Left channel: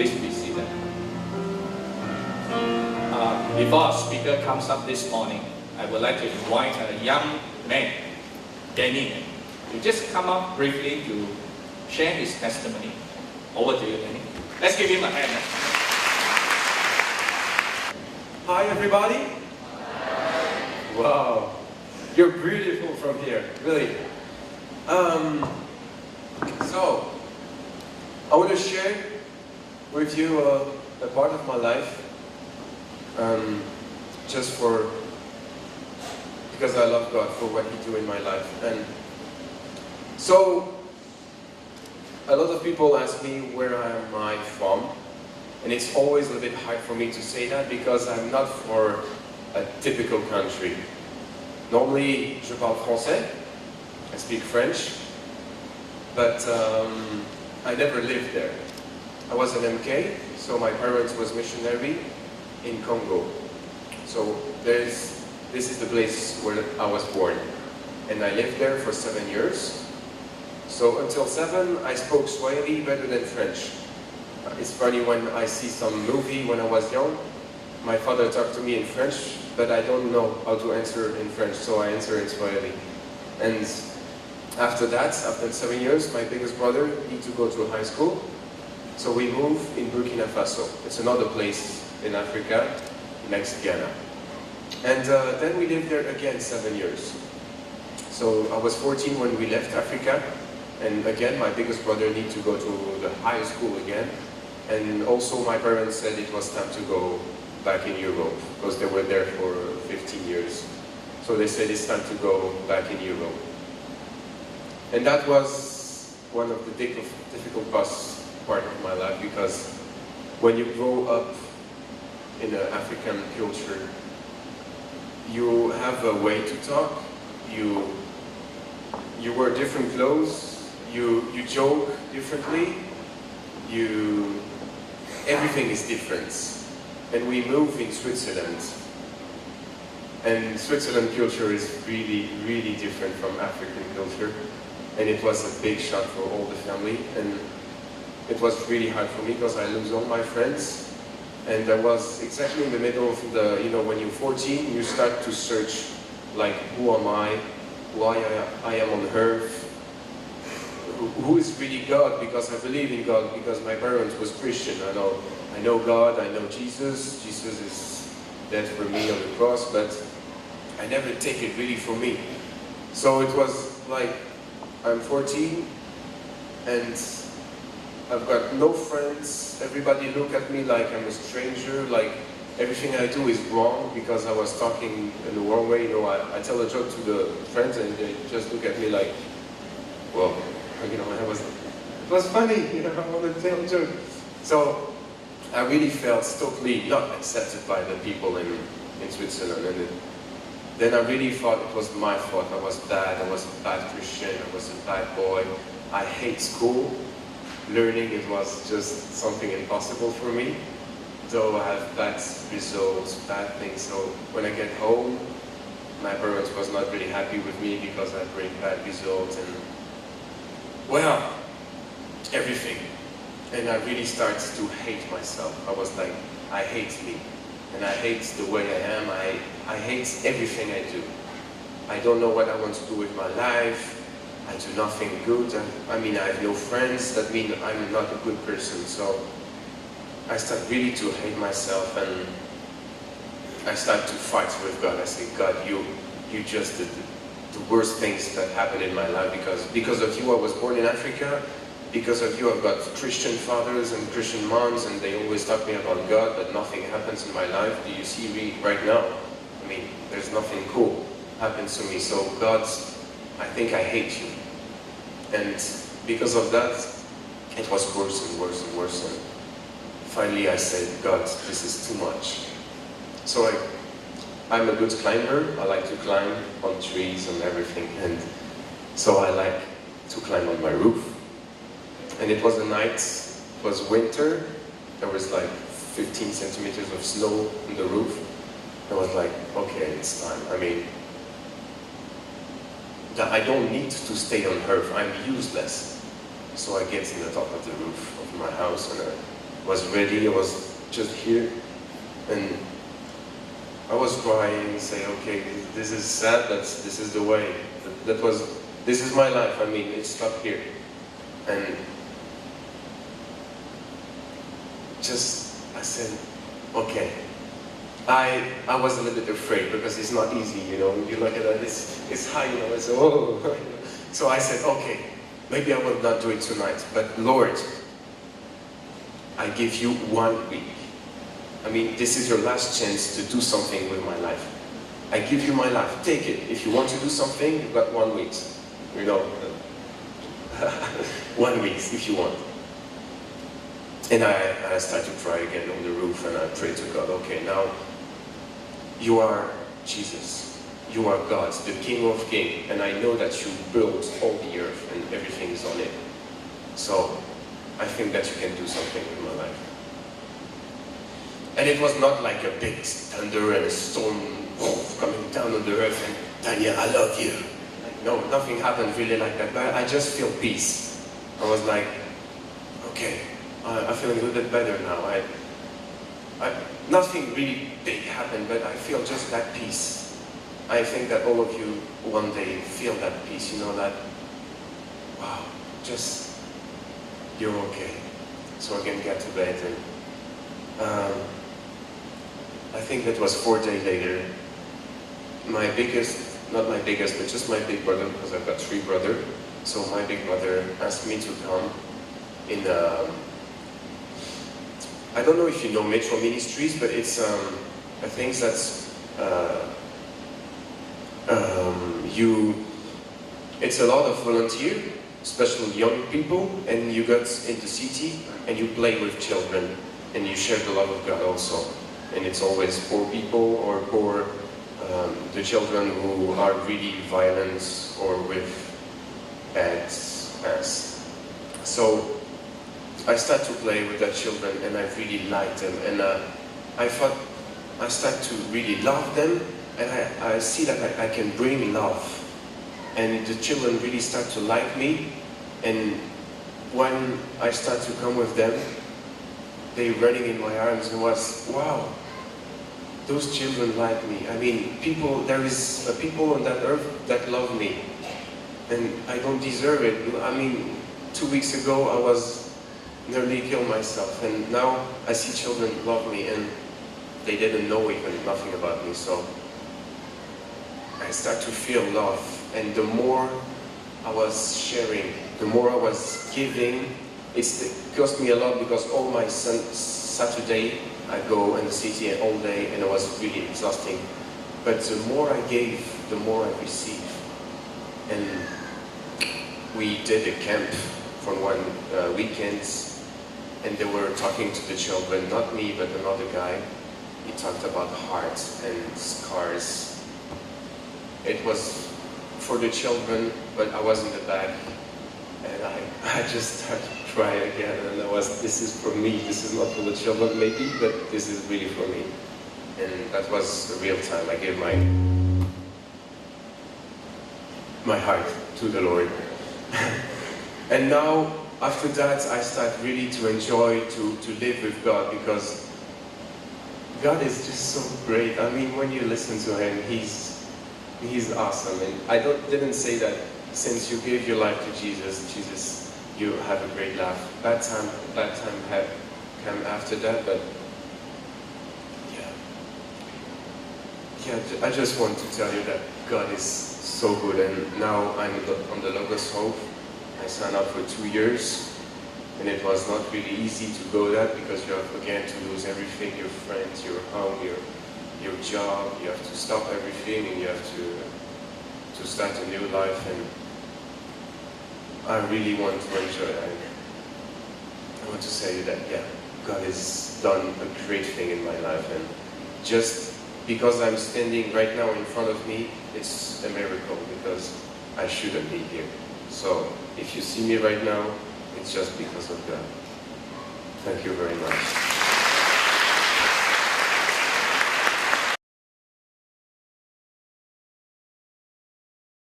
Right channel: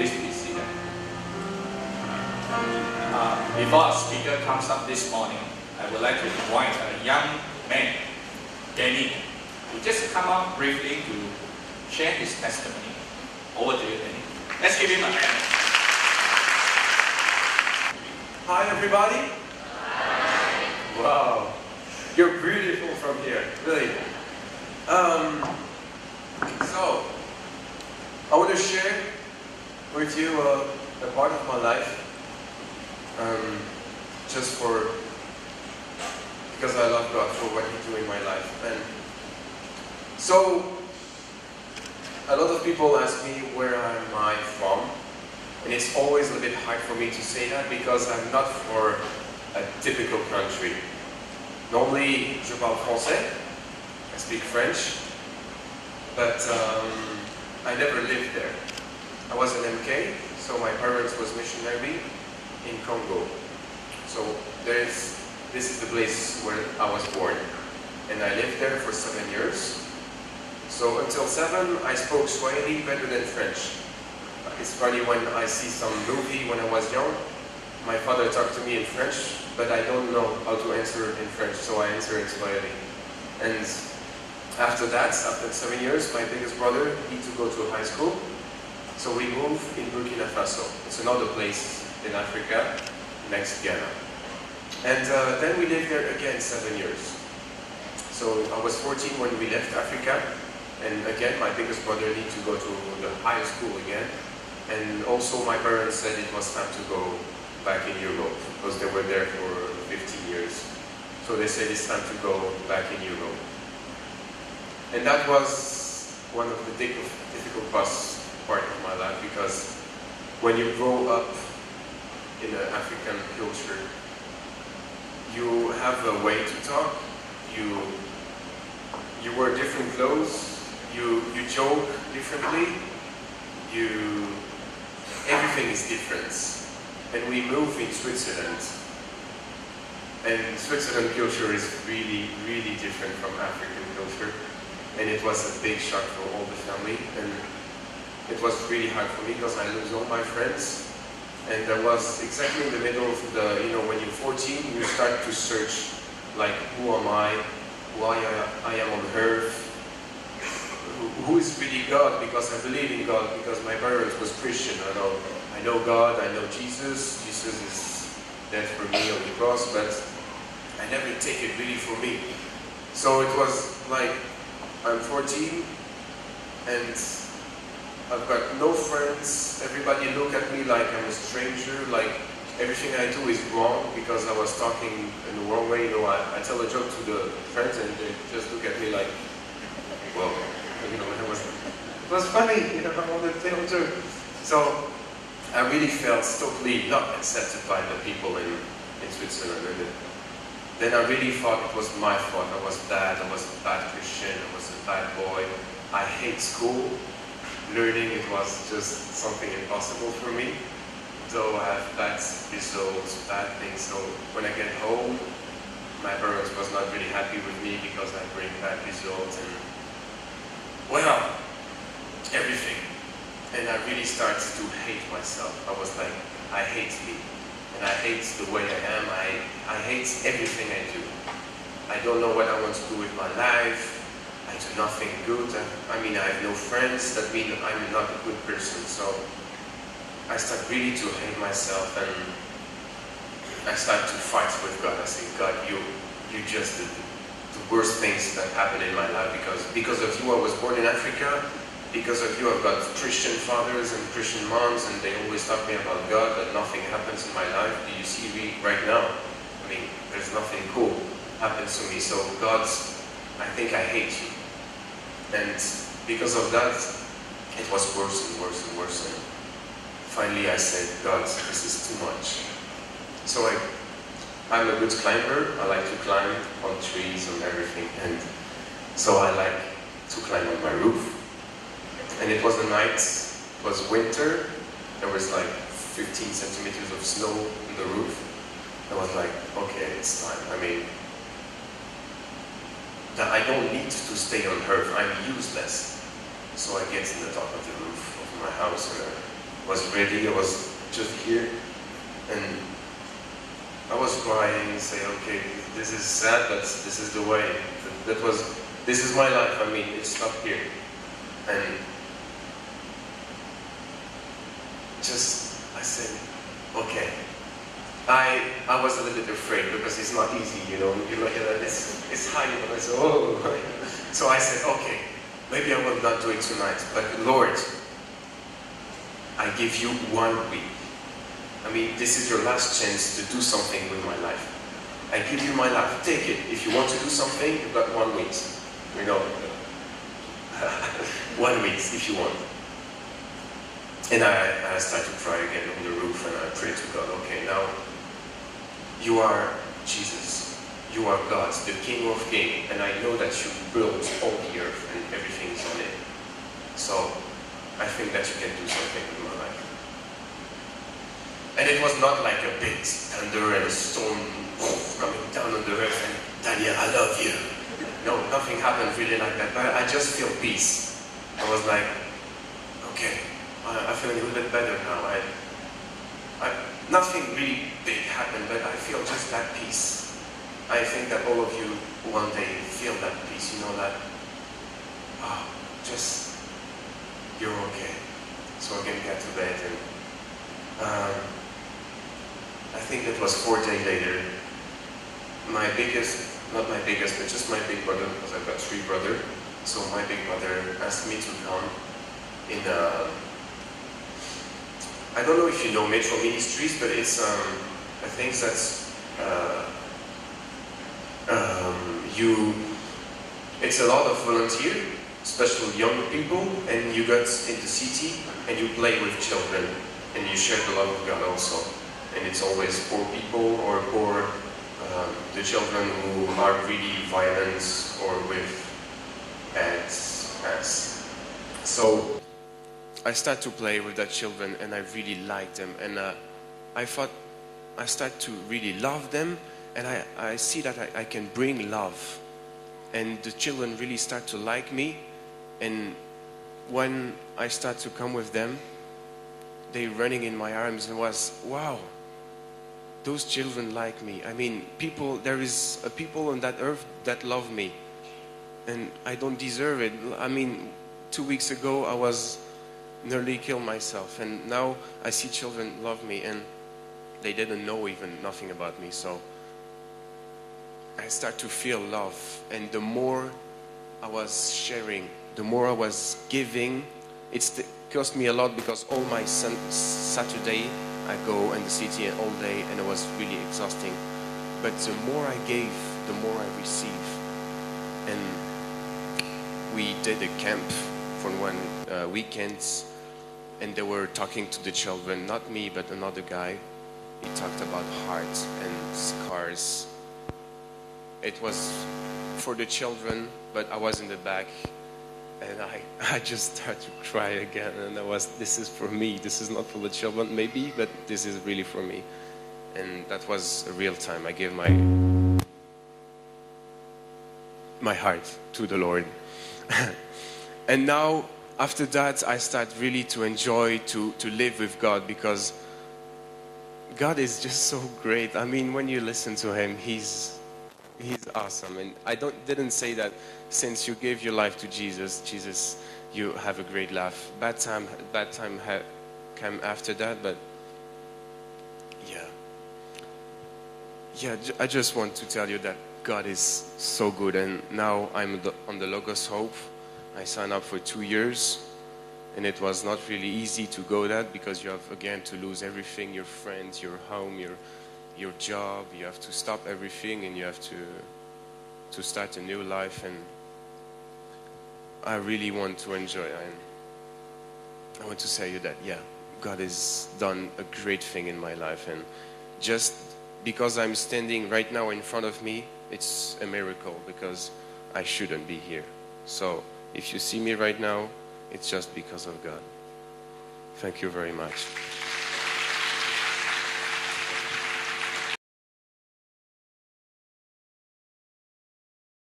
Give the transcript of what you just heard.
Please be seated. Before our speaker comes up this morning, I would like to invite a young man, Danny, to just come up briefly to share his testimony. Over to you, Danny. Let's give him a hand. Hi, everybody. Hi. Wow, you're beautiful from here, really. So, I want to share with you a part of my life, because I love God for what He do in my life. And so, a lot of people ask me where am I from, and it's always a bit hard for me to say that because I'm not for a typical country. Normally, je parle français, I speak French, but I never lived there. I was an MK, so my parents was missionary in Congo. So this is the place where I was born, and I lived there for 7 years. So until 7, I spoke Swahili better than French. It's funny when I see some movie when I was young, my father talked to me in French, but I don't know how to answer in French, so I answer in Swahili. And after that, after 7 years, my biggest brother needed to go to high school. So we moved in Burkina Faso. It's another place in Africa, next Ghana. And then we lived there again 7 years. So I was 14 when we left Africa. And again, my biggest brother needed to go to the high school again. And also my parents said it was time to go back in Europe, because they were there for 15 years. So they said it's time to go back in Europe. And that was one of the difficult part of my life, because when you grow up in an African culture, you have a way to talk, you wear different clothes, you joke differently, everything is different. And we moved in Switzerland. And Switzerland culture is really, really different from African culture. And it was a big shock for all the family. And it was really hard for me because I lose all my friends. And I was exactly in the middle of the, when you're 14, you start to search, like, who am I? Why I am on earth? Who is really God? Because I believe in God, because my parents was Christian. I know God, I know Jesus. Jesus is dead for me on the cross, but I never take it really for me. So it was like, I'm 14, and I've got no friends. Everybody look at me like I'm a stranger, like everything I do is wrong because I was talking in the wrong way. I tell a joke to the friends and they just look at me like, well, it was funny, I wanted to tell a joke. So I really felt totally not accepted by the people in Switzerland. And then I really thought it was my fault. I was bad, I was a bad Christian, I was a bad boy. I hate school. Learning, it was just something impossible for me. Though I have bad results, bad things. So when I get home, my parents was not really happy with me because I bring bad results and, well, everything. And I really started to hate myself. I was like, I hate me. And I hate the way I am. I hate everything I do. I don't know what I want to do with my life. I do nothing good. I have no friends. That means I'm not a good person. So I start really to hate myself, and I start to fight with God. I say, God, you just did the worst things that happened in my life because of you I was born in Africa. Because of you I've got Christian fathers and Christian moms, and they always talk to me about God, but nothing happens in my life. Do you see me right now? There's nothing cool happens to me. So God, I think I hate you. And because of that, it was worse and worse and worse. And finally I said, God, this is too much. So I'm a good climber. I like to climb on trees and everything. And so I like to climb on my roof. And it was a night, it was winter. There was like 15 centimeters of snow on the roof. I was like, okay, it's time. That I don't need to stay on earth. I'm useless. So I get in the top of the roof of my house, and was ready. I was just here, and I was crying, saying, okay, this is sad, but this is the way. This is my life. I mean, it's not here. And I said, okay. I was a little bit afraid because it's not easy, you know. You look at it, it's high, you know. I said, oh. So I said, okay, maybe I will not do it tonight, but Lord, I give you 1 week. I mean, this is your last chance to do something with my life. I give you my life. Take it. If you want to do something, you've got 1 week. You know, 1 week if you want. And I started to cry again on the roof, and I prayed to God, okay, now you are Jesus. You are God, the King of Kings, and I know that you built all the earth and everything is on it. So I think that you can do something with my life. And it was not like a big thunder and a storm coming down on the earth and, Daniel, I love you. No, nothing happened really like that. But I just feel peace. I was like, okay, I'm feeling a little bit better now. Nothing really big happened, but I feel just that peace. I think that all of you one day feel that peace, you know, that, wow, just, you're okay. So I can get to bed. And I think that was 4 days later. My biggest, not my biggest, but just my big brother, because I've got 3 brothers. So my big brother asked me to come in, I don't know if you know Metro Ministries, but it's I think that's it's a lot of volunteer, especially young people, and you get in the city and you play with children and you share the love of God also. And it's always poor people or poor the children who are really violent or with bad past. So I started to play with the children and I really liked them, and I thought I started to really love them, and I see that I can bring love, and the children really start to like me. And when I start to come with them, they running in my arms, and was, wow, those children like me. I mean, there is people on that earth that love me, and I don't deserve it. I mean, 2 weeks ago I was nearly killed myself, and now I see children love me, and they didn't know even nothing about me. So I start to feel love, and the more I was sharing, the more I was giving. It cost me a lot because all my Saturday I go in the city all day, and it was really exhausting. But the more I gave, the more I received. And we did a camp for 1 weekend, and they were talking to the children, not me, but another guy. He talked about hearts and scars. It was for the children, but I was in the back, and I just started to cry again, and this is for me, this is not for the children maybe, but this is really for me. And that was a real time. I gave my heart to the Lord. And now, after that, I start really to enjoy to live with God, because God is just so great. I mean, when you listen to Him, He's awesome. And I didn't say that since you gave your life to Jesus, you have a great life. Bad time had come after that, but yeah, I just want to tell you that God is so good. And now I'm on the Logos Hope. I signed up for 2 years, and it was not really easy to go there, because you have again to lose everything, your friends, your home, your job. You have to stop everything, and you have to start a new life. And I really want to enjoy it. I want to say that, yeah, God has done a great thing in my life, and just because I'm standing right now in front of me, it's a miracle, because I shouldn't be here. So if you see me right now, it's just because of God. Thank you very much.